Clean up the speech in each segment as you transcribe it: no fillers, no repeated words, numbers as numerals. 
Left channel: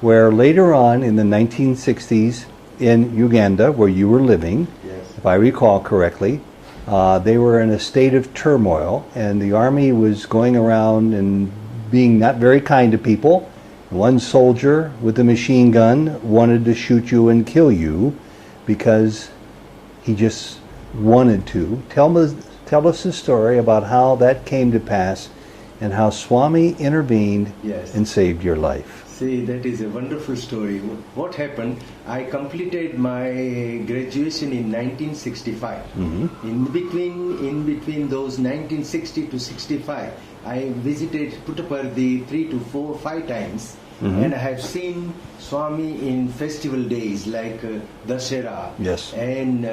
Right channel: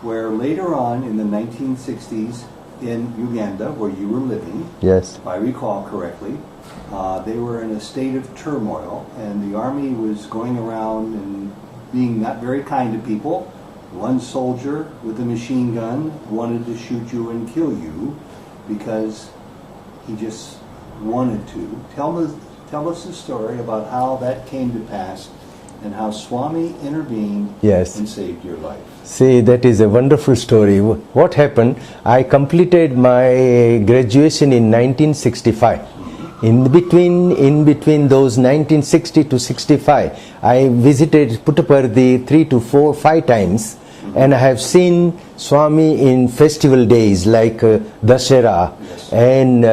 where later on in the 1960s in Uganda, where you were living, Yes. if I recall correctly, they were in a state of turmoil, and the army was going around and being not very kind to people. One soldier with a machine gun wanted to shoot you and kill you because he just wanted to. Tell us the story about how that came to pass and how Swami intervened Yes. and saved your life. See, that is a wonderful story. What happened, I completed my graduation in 1965. In between those 1960 to 65, I visited Puttaparthi 3 to 4, 5 times. And I have seen Swami in festival days like Dashera. Yes. And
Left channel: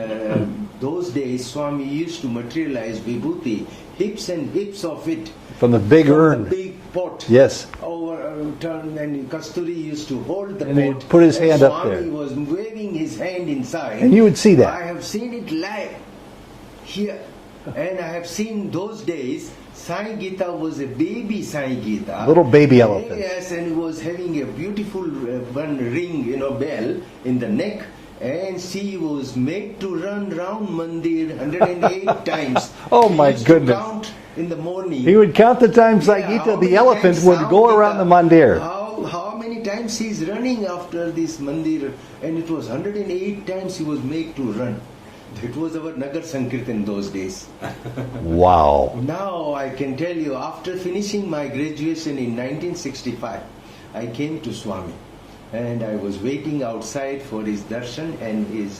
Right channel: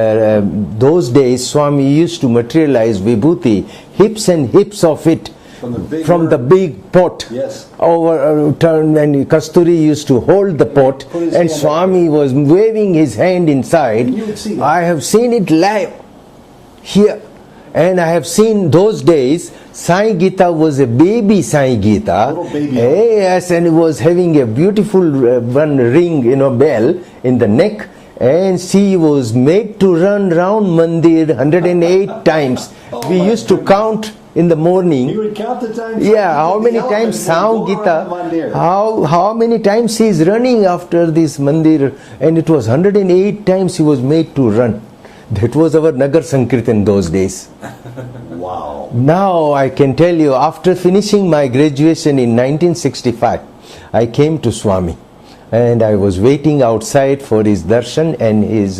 those days Swami used to materialize vibhuti, hips and hips of it. From the big pot. Yes. Turn, and Kasturi used to hold the And pot, he'd put his and hand up Swami there. was waving his hand inside. And you would see that. I have seen it live here, and I have seen those days. Sai Gita was a baby Sai Gita, Little baby elephant. Yes, and it was having a beautiful one ring, bell in the neck. And she was made to run round Mandir 108 times. Oh, we my used to goodness. count in the morning. He would count the times like how the many elephant times would Sound go around the mandir. How many times he is running after this mandir, and it was 108 times he was made to run. That was our Nagar Sankirtan those days. Wow. Now I can tell you, after finishing my graduation in 1965, I came to Swami. And I was waiting outside for his darshan and his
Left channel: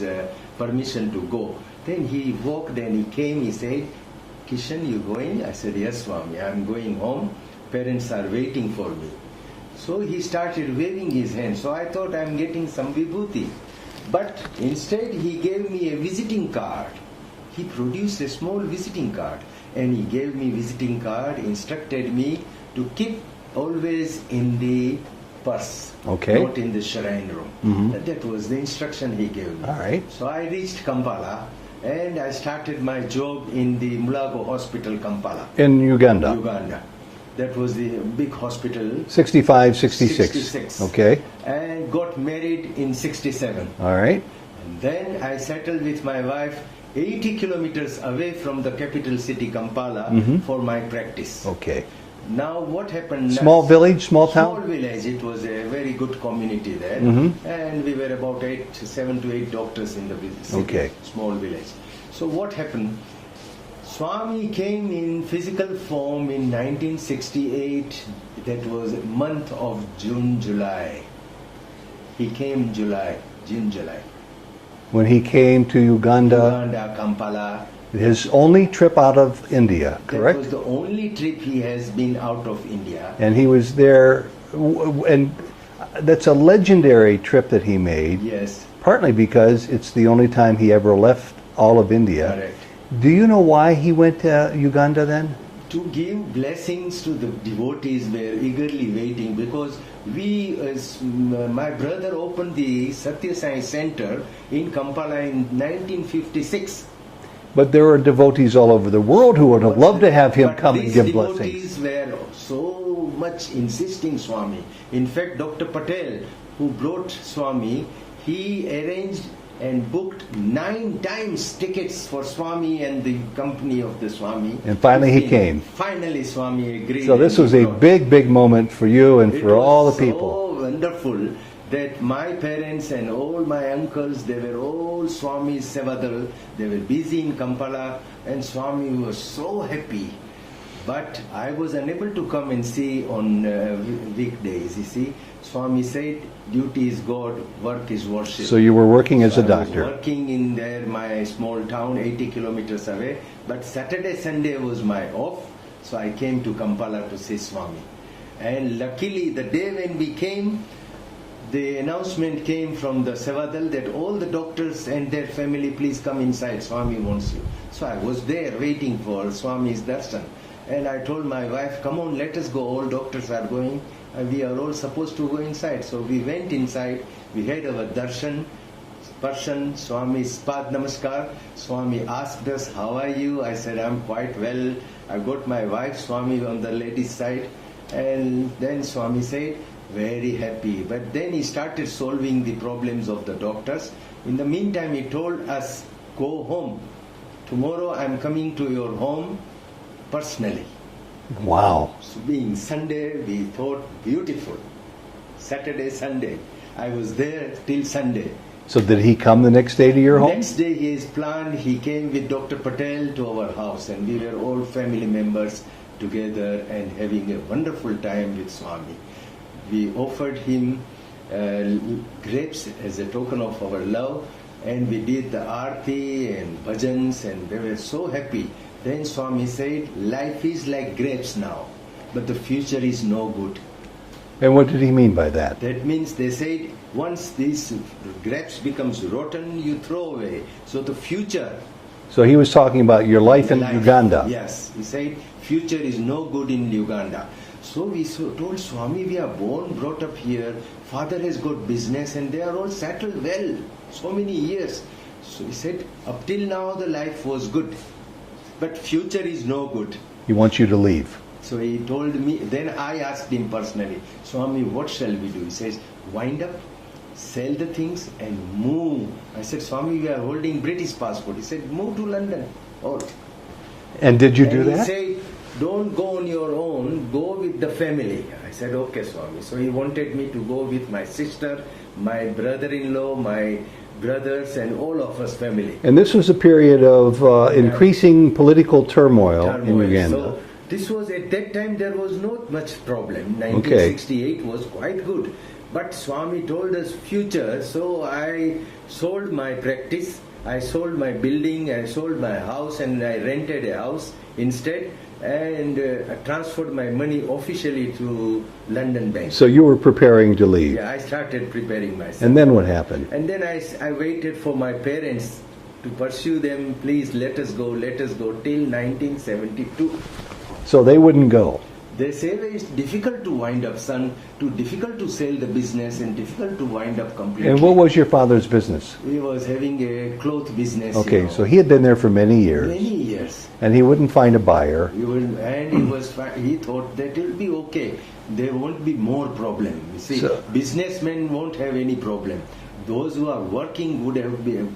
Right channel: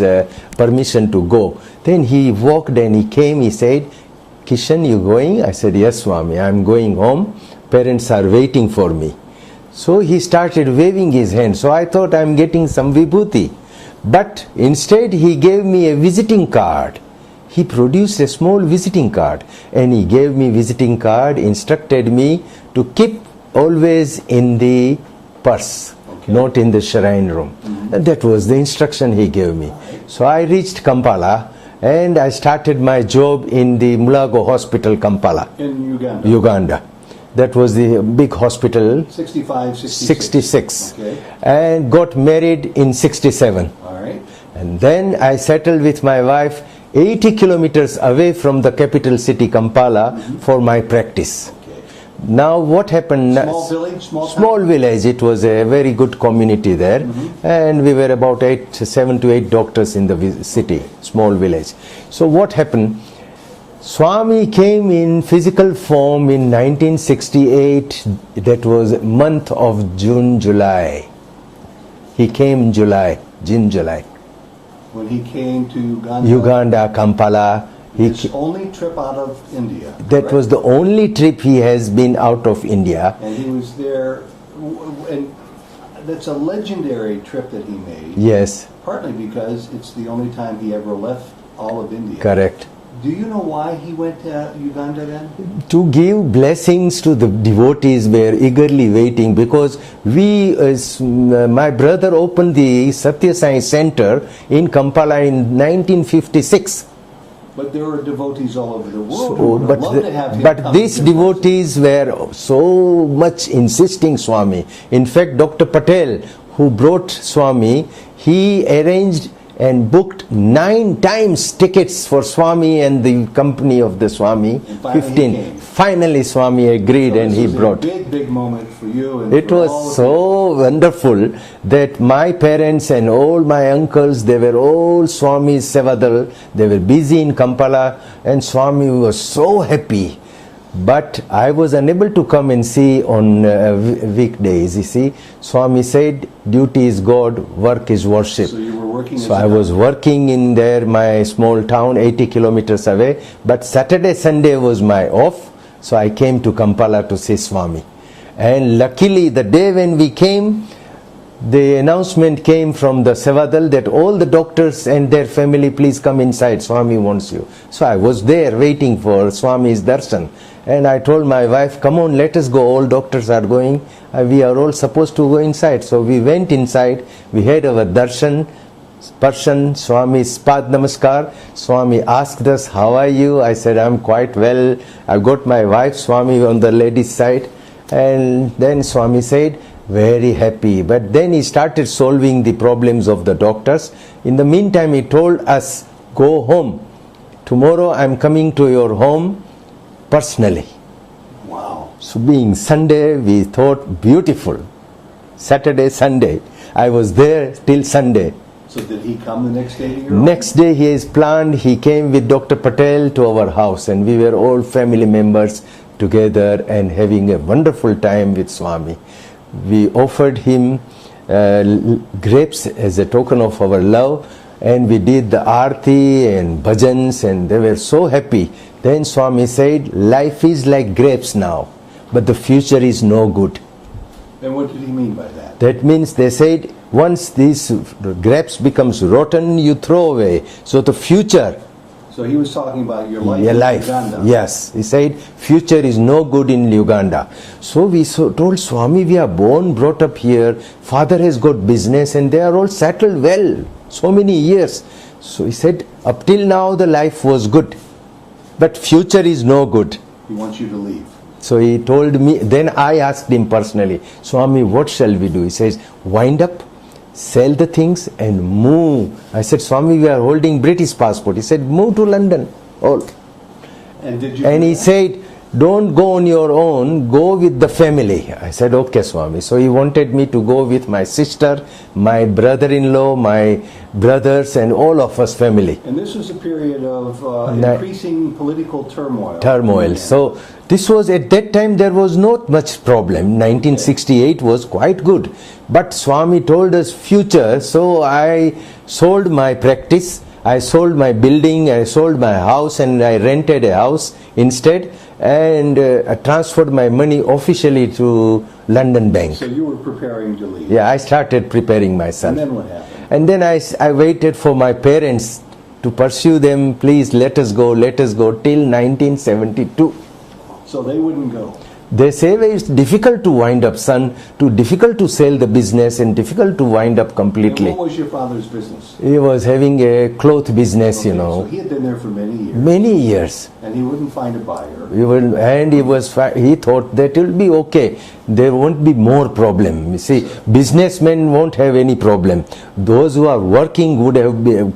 permission to go. Then he walked and he came, he said, Kishan, you going? I said, yes, Swami, I'm going home. Parents are waiting for me. So he started waving his hand. So I thought I'm getting some vibhuti. But instead he gave me a visiting card. He produced a small visiting card and he gave me visiting card, instructed me to keep always in the purse, Okay. not in the shrine room. And that was the instruction he gave me. All right. So I reached Kampala and I started my job in the Mulago Hospital, Kampala, In Uganda. Uganda. That was the big hospital. 65, 66. 66. Okay. And got married in 67. All right. And then I settled with my wife 80 kilometers away from the capital city, Kampala, for my practice. Okay. Now what happened? Small village, small town? Small village. It was a very good community there, and we were about 7 to 8 doctors in the city. Okay. Small village. So what happened? Swami came in physical form in 1968. That was month of June, July. He came in July, June, July. When he came to Uganda, Uganda, Kampala. his only trip out of India. That correct? was the only trip he has been out of India. And he was there, and that's a legendary trip that he made. Yes, Partly because it's the only time he ever left all of India. correct. Do you know why he went to Uganda then? To give blessings to the devotees were eagerly waiting, because my brother opened the Sathya Sai Center in Kampala in 1956. But there were devotees all over the world who would have loved to have him But come these and give devotees were so much insisting Swami. In fact, Dr. Patel, who brought Swami, he arranged and booked 9 times tickets for Swami and the company of the Swami. And finally he came. Finally Swami agreed, So and this he was brought. a big, big moment for you and It for was all the so people. wonderful that my parents and all my uncles, they were all Swami's Sevadal. They were busy in Kampala, and Swami was so happy. But I was unable to come and see on weekdays. You see, Swami said, duty is God, work is worship. So you were working as So a I doctor. was working in there, my small town, 80 kilometers away. But Saturday, Sunday was my off. So I came to Kampala to see Swami. And luckily, the day when we came, the announcement came from the Sevadal that all the doctors and their family, please come inside, Swami wants you. So I was there waiting for Swami's darshan. And I told my wife, come on, let us go, all doctors are going. We are all supposed to go inside. So we went inside, we had our darshan, Parshan, Swami's Pad Namaskar. Swami asked us, how are you? I said, I'm quite well. I got my wife, Swami, on the ladies' side. And then Swami said, Very happy. But then he started solving the problems of the doctors. In the meantime, he told us, go home. Tomorrow I'm coming to your home personally. Wow. So being Sunday, we thought beautiful. Saturday, Sunday. I was there till Sunday. So did he come the next day to your home? Next day he is planned, he came with Dr. Patel to our house, and we were all family members together and having a wonderful time with Swami. We offered him grapes as a token of our love, and we did the arti and bhajans, and they were so happy. Then Swami said, life is like grapes now, but the future is no good. And what did he mean by that? That means they said, once these grapes becomes rotten, you throw away. So the future. So he was talking about your life in Uganda. Yes, he said, future is no good in Uganda. So we told Swami, we are born, brought up here. Father has got business and they are all settled well. So many years. So he said, up till now the life was good. But future is no good. He wants you to leave. So he told me, then I asked him personally, Swami, what shall we do? He says, wind up, sell the things and move. I said, Swami, we are holding British passport. He said, move to London. All. And did you do And he that? said, don't go on your own, go with the family. I said, okay, Swami. So he wanted me to go with my sister, my brother-in-law, my brothers, and all of us family. And this was a period of increasing political turmoil. So this was, at that time there was not much problem. 1968 was quite good. But Swami told us future, so I sold my practice, I sold my building, I sold my house, and I rented a house instead, and I transferred my money officially to London Bank. So you were preparing to leave. Yeah, I started preparing myself. And then what happened? And then I waited for my parents to pursue them, please let us go, till 1972. So they wouldn't go. They say it's difficult to wind up, son, difficult to sell the business and difficult to wind up completely. And what was your father's business? He was having a cloth business, Okay, you know. so he had been there for many years. Many years. And he wouldn't find a buyer. He thought that it will be okay. There won't be more problem. You see, businessmen won't have any problem. Those who are working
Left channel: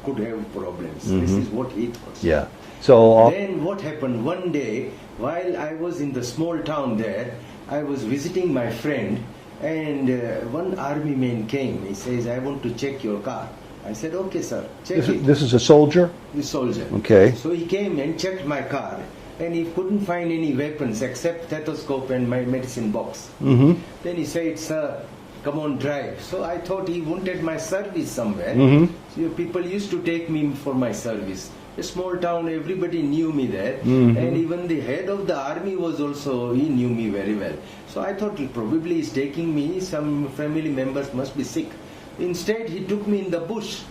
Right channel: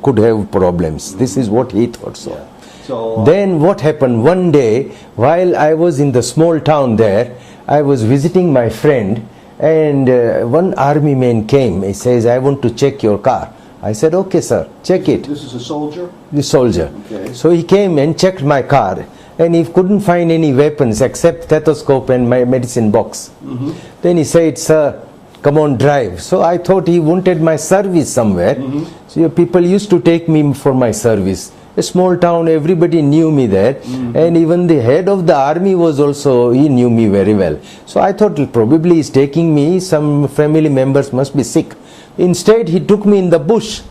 could have problems. This is what he thought. Yeah. So then what happened one day, while I was in the small town there, I was visiting my friend, and one army man came. He says, I want to check your car. I said, okay, sir, check it. This is a soldier? The soldier. Okay. So he came and checked my car, and he couldn't find any weapons except stethoscope and my medicine box. Then he said, sir, come on, drive. So I thought he wanted my service somewhere. So people used to take me for my service. A small town, everybody knew me there, and even the head of the army was also, he knew me very well. So I thought probably he's taking me, some family members must be sick. Instead, he took me in the bush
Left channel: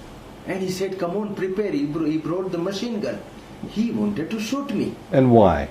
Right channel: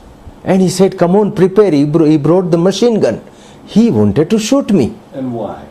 and he said, come on, prepare. He brought the machine gun. He wanted to shoot me. And why?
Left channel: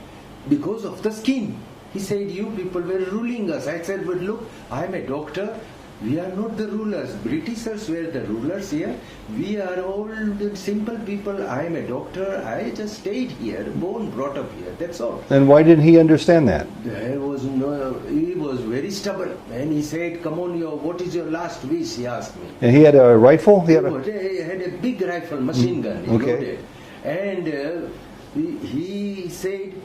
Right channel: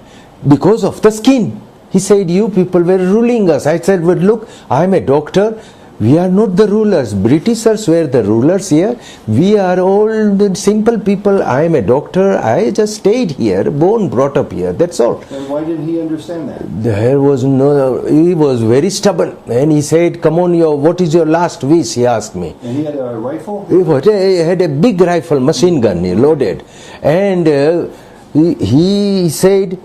Because of the skin. He said, you people were ruling us. I said, but look, I'm a doctor. We are not the rulers. Britishers were the rulers here. We are all the simple people. I am a doctor. I just stayed here, born, brought up here. That's all. And why didn't he understand that? There was no, he was very stubborn. And he said, come on, what is your last wish? He asked me. And he had a rifle? He had a big rifle, machine gun, loaded. And he said,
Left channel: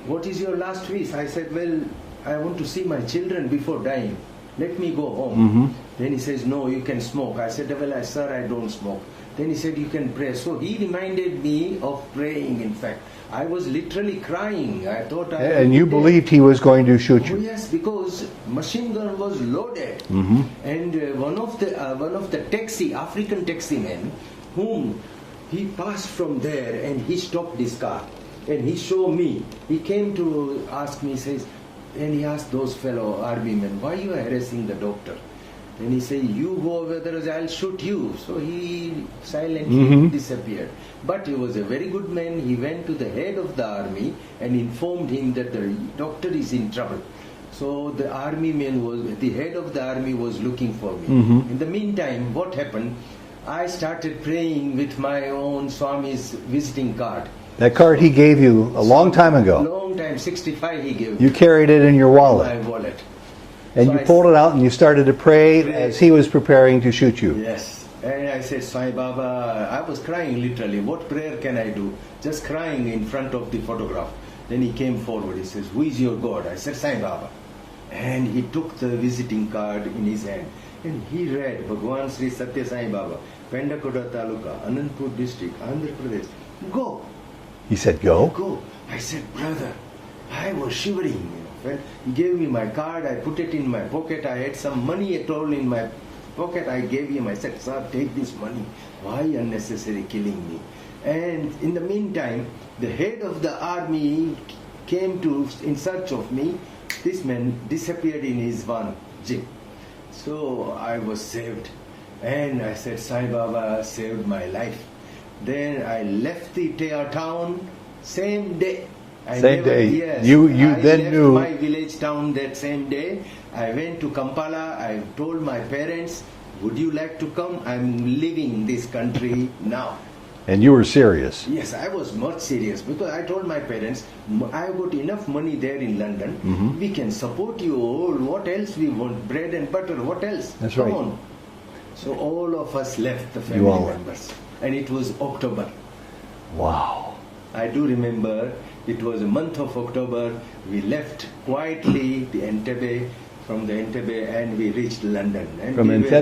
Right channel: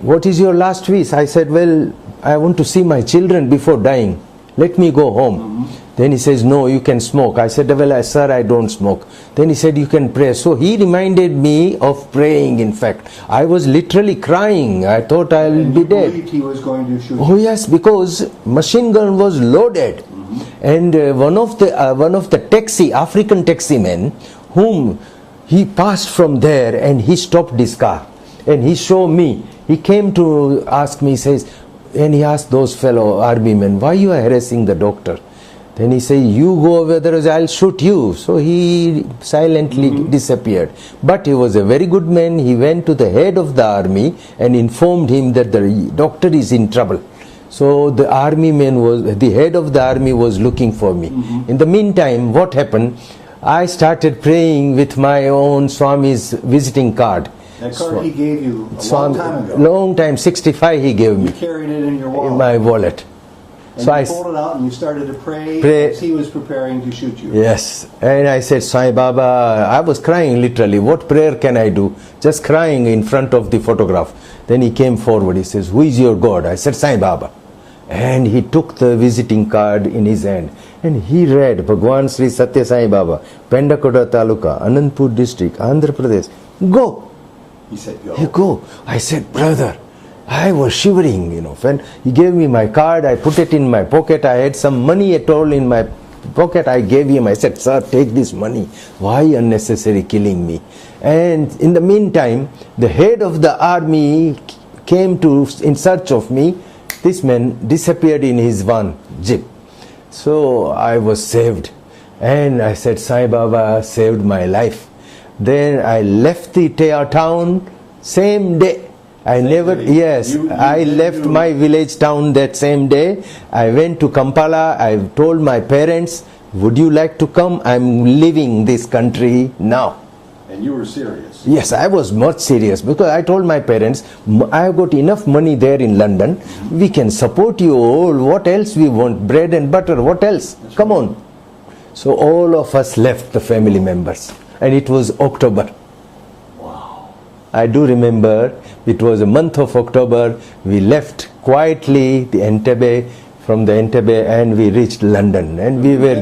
what is your last wish? I said, well, I want to see my children before dying. Let me go home. Then he says, no, you can smoke. I said, well, sir, I don't smoke. Then he said, you can pray. So he reminded me of praying, in fact. I was literally crying. I thought I'll be dead. And you believed he was going to shoot you? Oh, yes, because machine gun was loaded. And one of the taxi, African taxi men, whom he passed from there and he stopped his car. And he showed me. He came to ask me, he says, and he asked those fellow army men, why you are harassing the doctor? Then he said, you go over there, I'll shoot you. So he silently disappeared. But he was a very good man. He went to the head of the army and informed him that the doctor is in trouble. So the head of the army was looking for me. In the meantime, what happened? I started praying with my own Swami's visiting card. That card he gave you a long time ago. Long time, 65 he gave me. You carried it in your wallet. In my wallet. And So you I pulled it out and you started to pray as he was preparing to shoot you. Yes. And I said, Sai Baba, I was crying literally. What prayer can I do? Just crying in front of the photograph. Then he came forward. He says, who is your God? I said, Sai Baba. And he took the visiting card in his hand. And he read, Bhagwan Sri Sathya Sai Baba, Pendakoda Taluka, Anandpur district, Andhra Pradesh. Go. He said, go. You go. I said, brother, I was shivering, When he gave me my card, I put it in my pocket. I had some money at all in my pocket. I gave him. I said, sir, take this money. Why unnecessary killing me? And in the meantime, the head of the army came in search of me. This man disappeared in his van, jeep. So I was saved. And I said, Sai Baba saved my life. Then I left the town same day. I left my village town that same day. I went to Kampala. I told my parents, would you like to come? I'm leaving this country now. And you were serious? Yes, I was much serious because I told my parents, I've got enough money there in London. We can support you all. What else we want? Bread and butter. What else? Come on. So all of us left, the family members. And it was October. Wow. I do remember it was a month of October. We left quietly from the Entebbe, and we reached London. And we were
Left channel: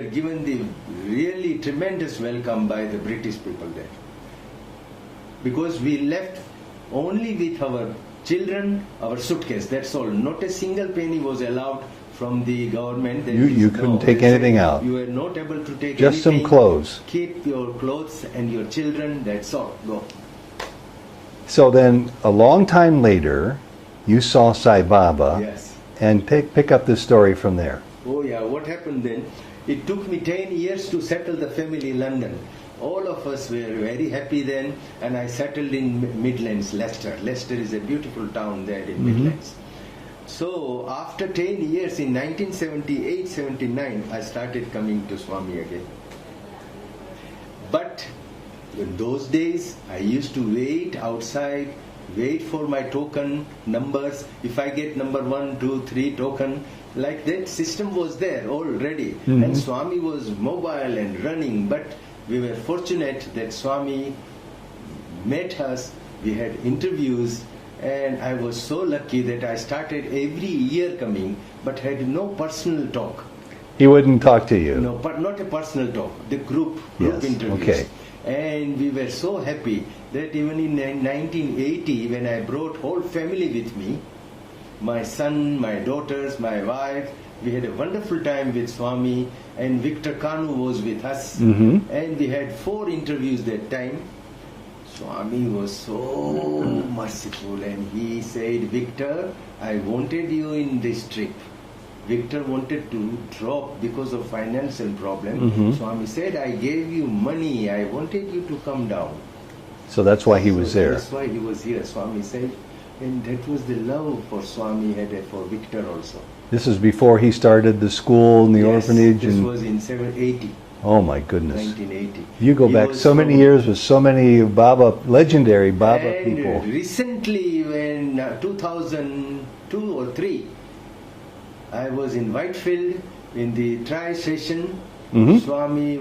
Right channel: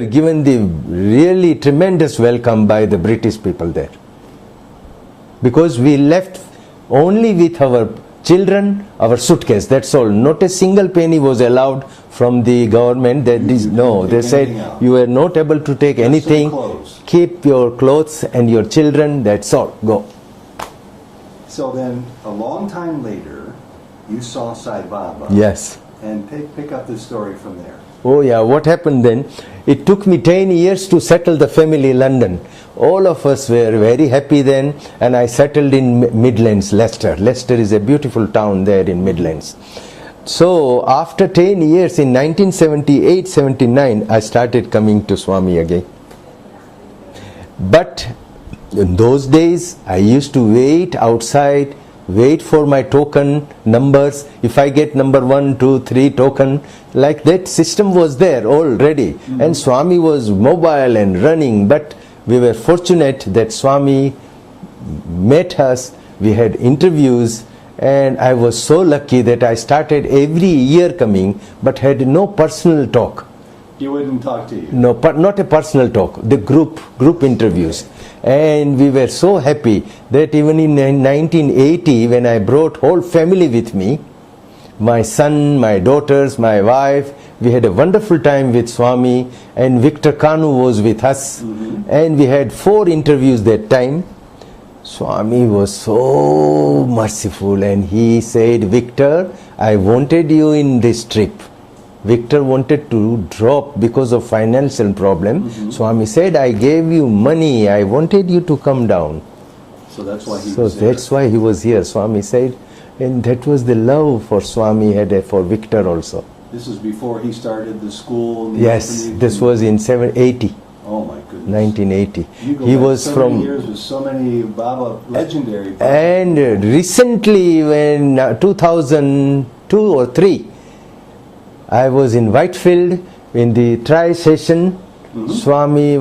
given the really tremendous welcome by the British people there. Because we left only with our children, our suitcase, that's all. Not a single penny was allowed from the government. They said you were not able to take anything. Some clothes. Keep your clothes and your children, that's all. Go. So then, a long time later, you saw Sai Baba. Yes. And pick up the story from there. Oh yeah, what happened then? It took me 10 years to settle the family in London. All of us were very happy then, and I settled in Midlands, Leicester. Leicester is a beautiful town there in Midlands. So after 10 years, in 1978-79, I started coming to Swami again. But in those days, I used to wait outside, wait for my token numbers. If I get number 1, 2, 3 token, like that system was there already. And Swami was mobile and running, but we were fortunate that Swami met us. We had interviews, and I was so lucky that I started every year coming, but had no personal talk. He wouldn't talk to you? No, not a personal talk, the group interviews. Okay. And we were so happy that even in 1980, when I brought whole family with me, my son, my daughters, my wife, we had a wonderful time with Swami, and Victor Kanu was with us, and we had 4 interviews that time. Swami was so merciful, and he said, Victor, I wanted you in this trip. Victor wanted to drop because of financial problem. Swami said, I gave you money, I wanted you to come down. So that's why he was there. That's why he was here, Swami said. And that was the love for Swami had for Victor also. This is before he started the school and the orphanage? Yes, this was in 1980. Oh my goodness. 1980. You go back so many years with so many legendary Baba and people. Recently, when 2002 or 3, I was in Whitefield in the tri-session. Swami,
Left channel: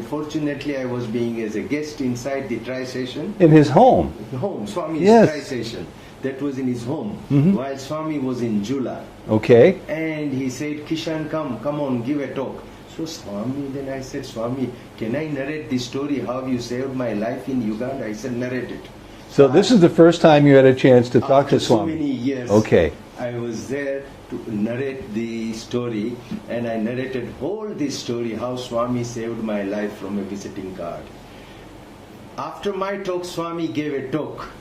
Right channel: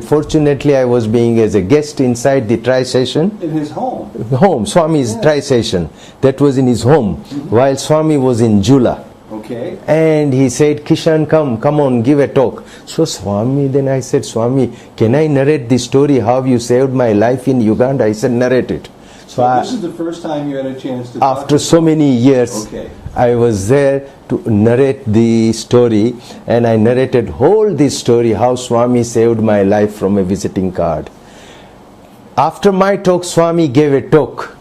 fortunately I was being as a guest inside the tri-session. In his home? Home, Swami's tri-session. That was in his home, while Swami was in Jula. Okay. And he said, Kishan, come on, give a talk. So Swami, then I said, Swami, can I narrate the story how you saved my life in Uganda? I said, narrate it. So this is the first time you had a chance to talk to Swami. After so many years, I was there to narrate the story, and I narrated whole this story, how Swami saved my life from a visiting card. After my talk, Swami gave a talk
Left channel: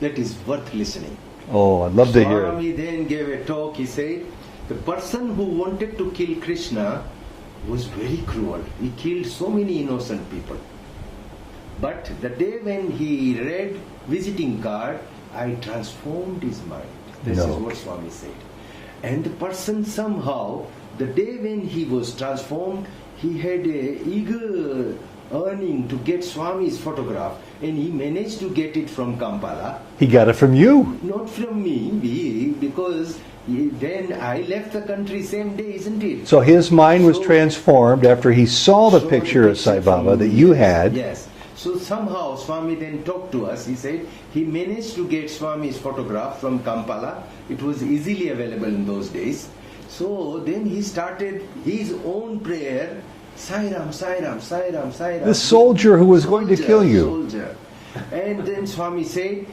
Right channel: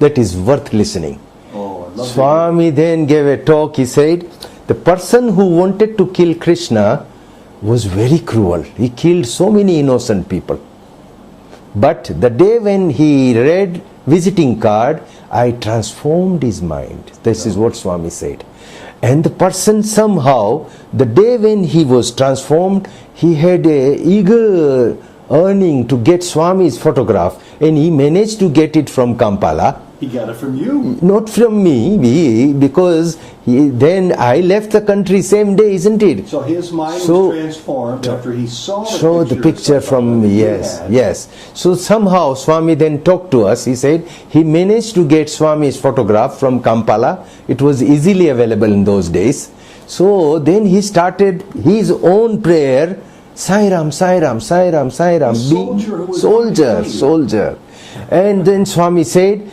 that is worth listening. Oh, I'd love to hear it. Swami then gave a talk. He said, the person who wanted to kill Krishna was very cruel. He killed so many innocent people. But the day when he read visiting card, I transformed his mind. This is what Swami said. And the person somehow, the day when he was transformed, he had a eager earning to get Swami's photograph, and he managed to get it from Kampala. He got it from you. Not from me, because then I left the country same day, isn't it? So his mind was transformed after he saw the picture of Sai Baba that you had. Yes. So somehow Swami then talked to us. He said he managed to get Swami's photograph from Kampala. It was easily available in those days. So then he started his own prayer, Sai Ram, Sai Ram, Sai Ram, Sai Ram. The soldier who was going to kill you. Soldier. And then Swami said,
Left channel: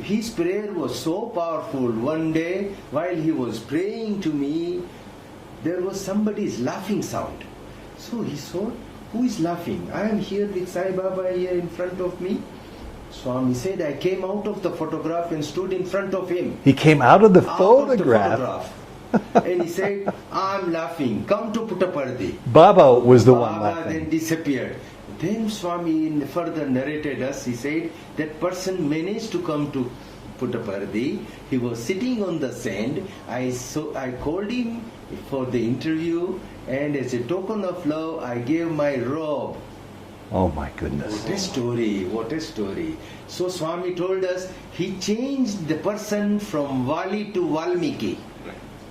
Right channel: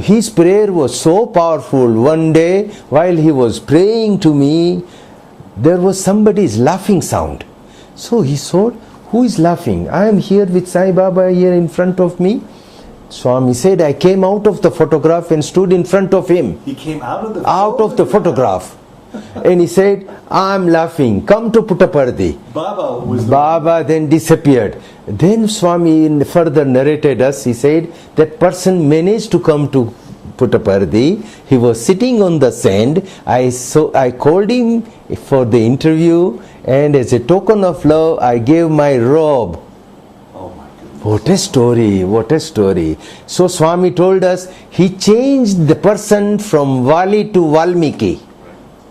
his prayer was so powerful. One day, while he was praying to me, there was somebody's laughing sound. So he thought, who is laughing? I am here with Sai Baba here in front of me. Swami said, I came out of the photograph and stood in front of him. He came out of the photograph. And he said, I am laughing. Come to Puttaparthi. Baba was the Baba then disappeared. Then Swami further narrated us. He said, that person managed to come to Puttaparthi. He was sitting on the sand. I called him for the interview, and as a token of love, I gave my robe. Oh my goodness. What a story, what a story. So Swami told us, he changed the person from Vali to Valmiki.